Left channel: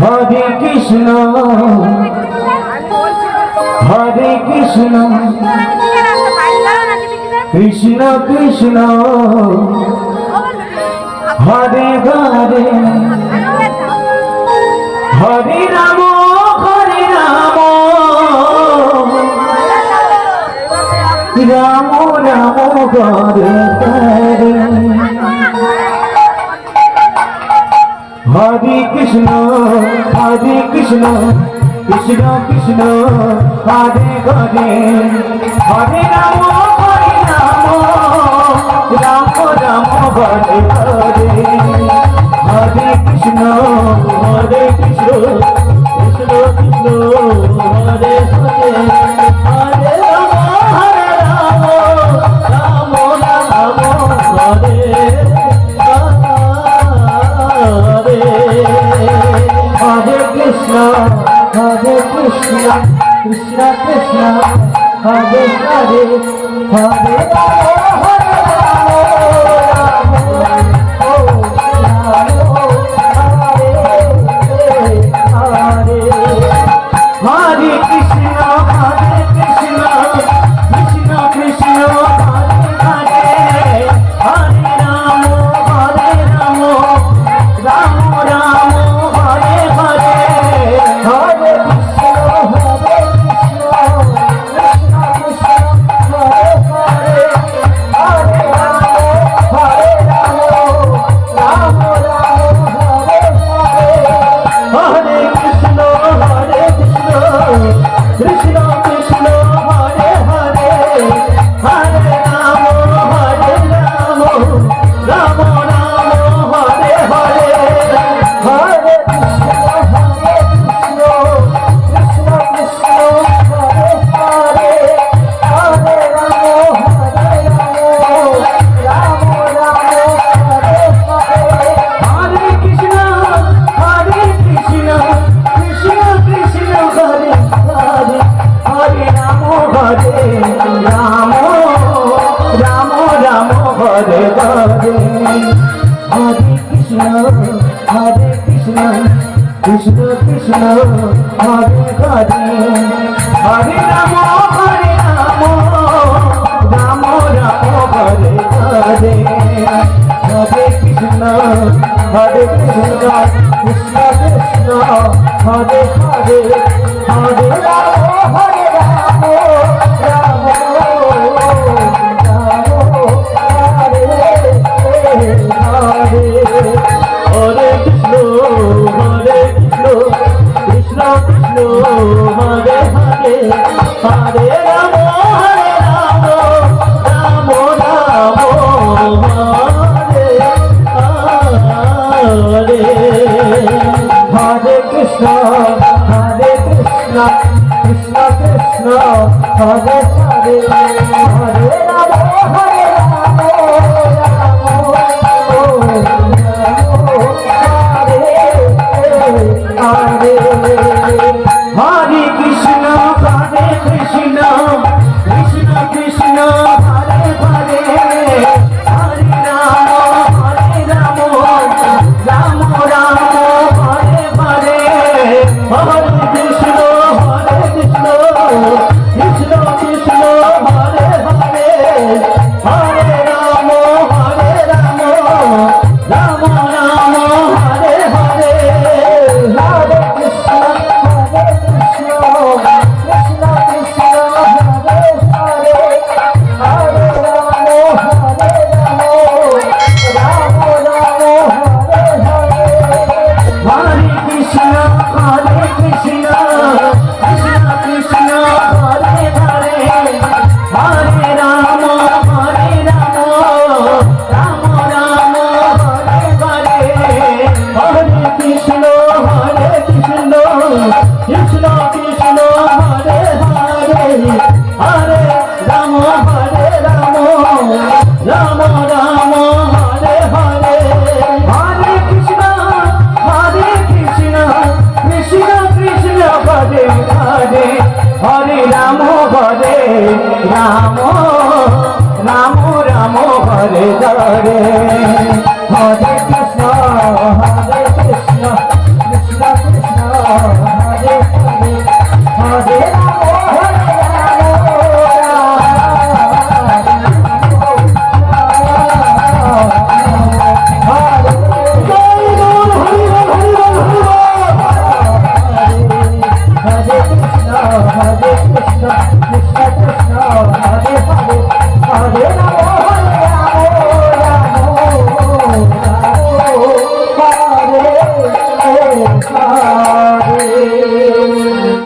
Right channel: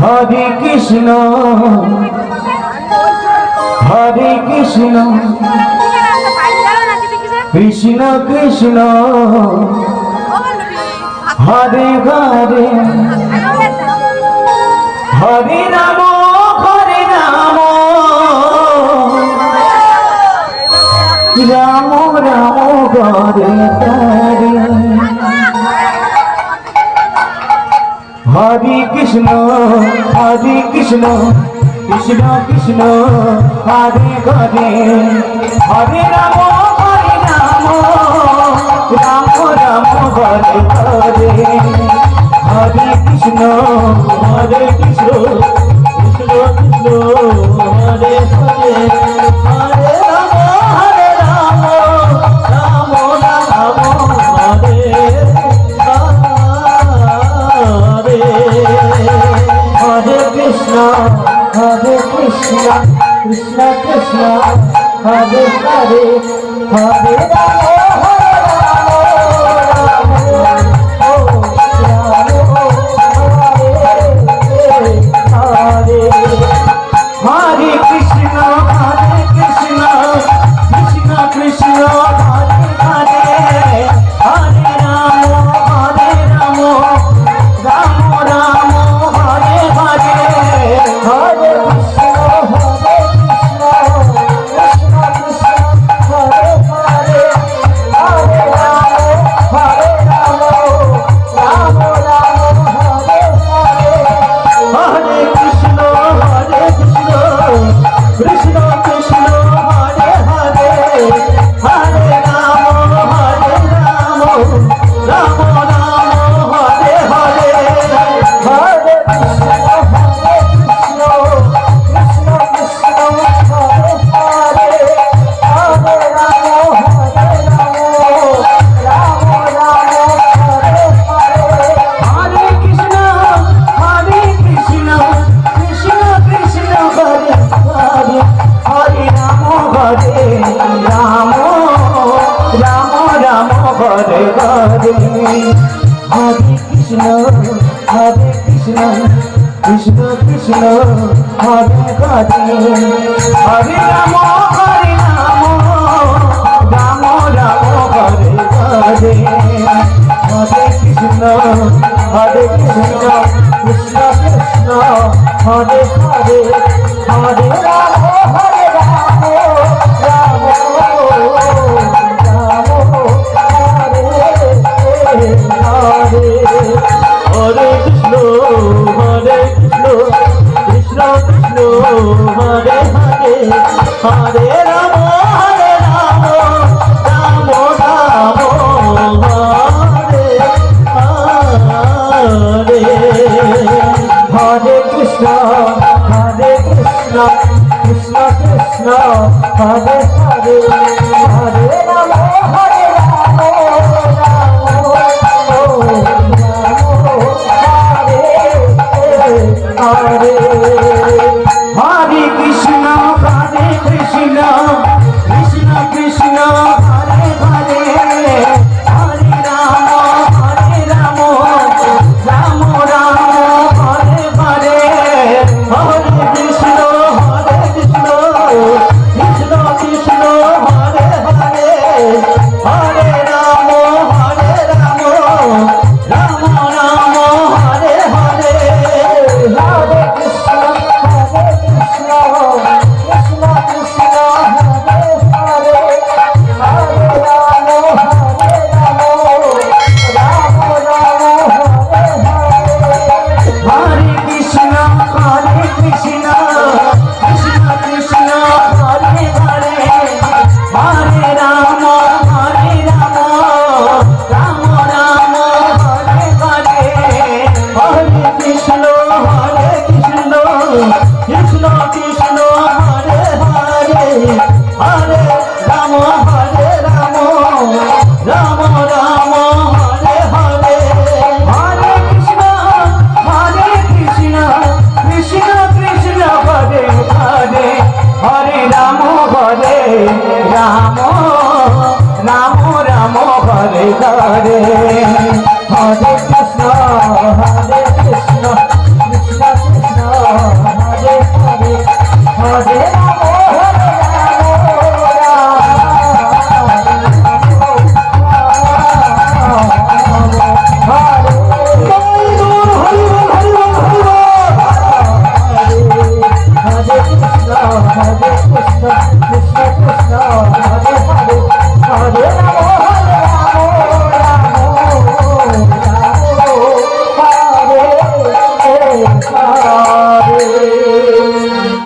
Hare Krishna Hare Krishna Krishna Krishna Hare Hare Hare Ram Ram Ram Hare Hare Hare Krishna Krishna Krishna Hare Hare Hare Ram Ram Ram Hare Hare Hare Krishna Krishna Krishna Hare Hare Hare Ram Ram Ram Hare Hare Hare Krishna Krishna Krishna Hare Hare Hare Ram Krishna Krishna Hare Hare Hare Ram Ram Ram Hare Hare Hare Krishna Krishna Krishna Hare Hare Hare Ram Hare Ram Ram Hare Hare Hare Krishna Krishna Krishna Hare Hare Hare Ram Ram Ram Hare Hare Hare Krishna Krishna Krishna Hare Hare